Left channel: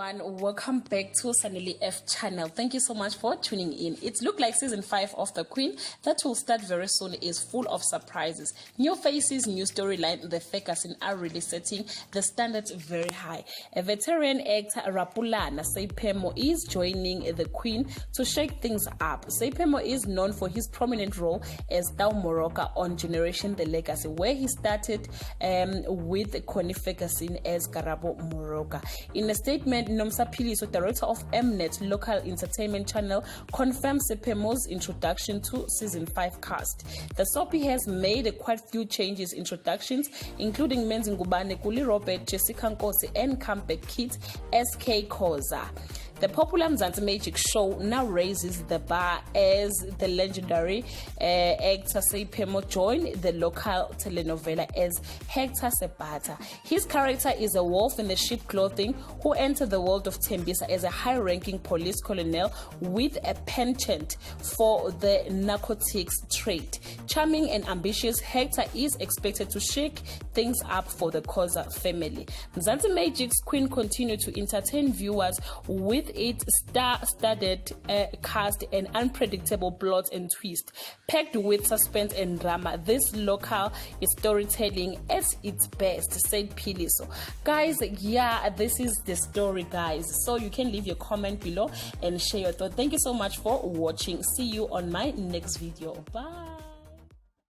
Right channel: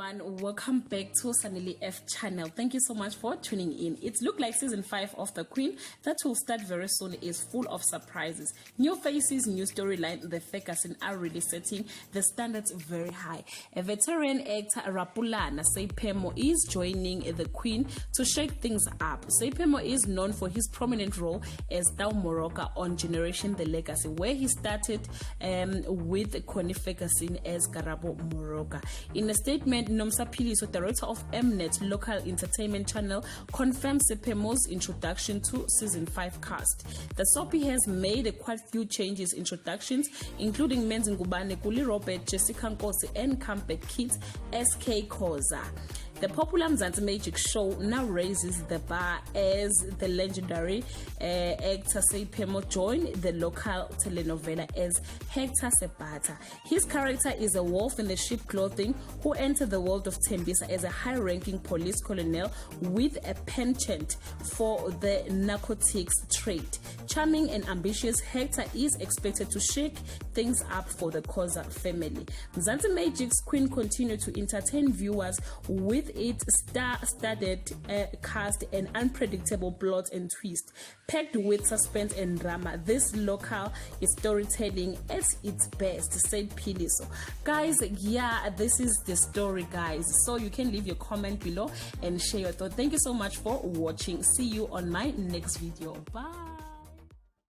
everyone, welcome back to Sanelly F channel. Thank you so much for tuning in. It looked like season 5 of The Queen that will start very soon is full of surprises, new faces, new storyline. The Ferguson are really setting the standards very high. A veteran actor Rapulana Seiphemo is joining The Queen to shake things up. Seiphemo is known for his prominent role as Tau Moroka on Generation The Legacy, where he started with Connie Ferguson as Karabo Moroka. In a statement, Nomsa Philiso, director of Mnet local entertainment channel, confirmed Seiphemo's introduction to season 5 cast. The soapy has made quite few changes introductions, including Menzi Ngubane, Kuli Robert, Jessica Nkosi, and comeback kid SK Khoza. The popular Mzansi Magic show now raises the bar as the legendary actor Seiphemo joined the local telenovela as Hector Sebata. His character is a wolf in the sheep clothing who entered the world of Tembisa as a high-ranking police colonel with a penchant for the narcotics trade. Charming and ambitious, Hector is expected to shake things up for the Khoza family. Mzansi Magic's Queen continued to entertain viewers with its star-studded cast and unpredictable plot and twist. Packed with suspense and drama, this local is storytelling at its best, said Philiso. Guys, yeah, this is the story, guys. So you can leave your comment below and share your thoughts. Thank you so much for watching. See you on my next video. Bye.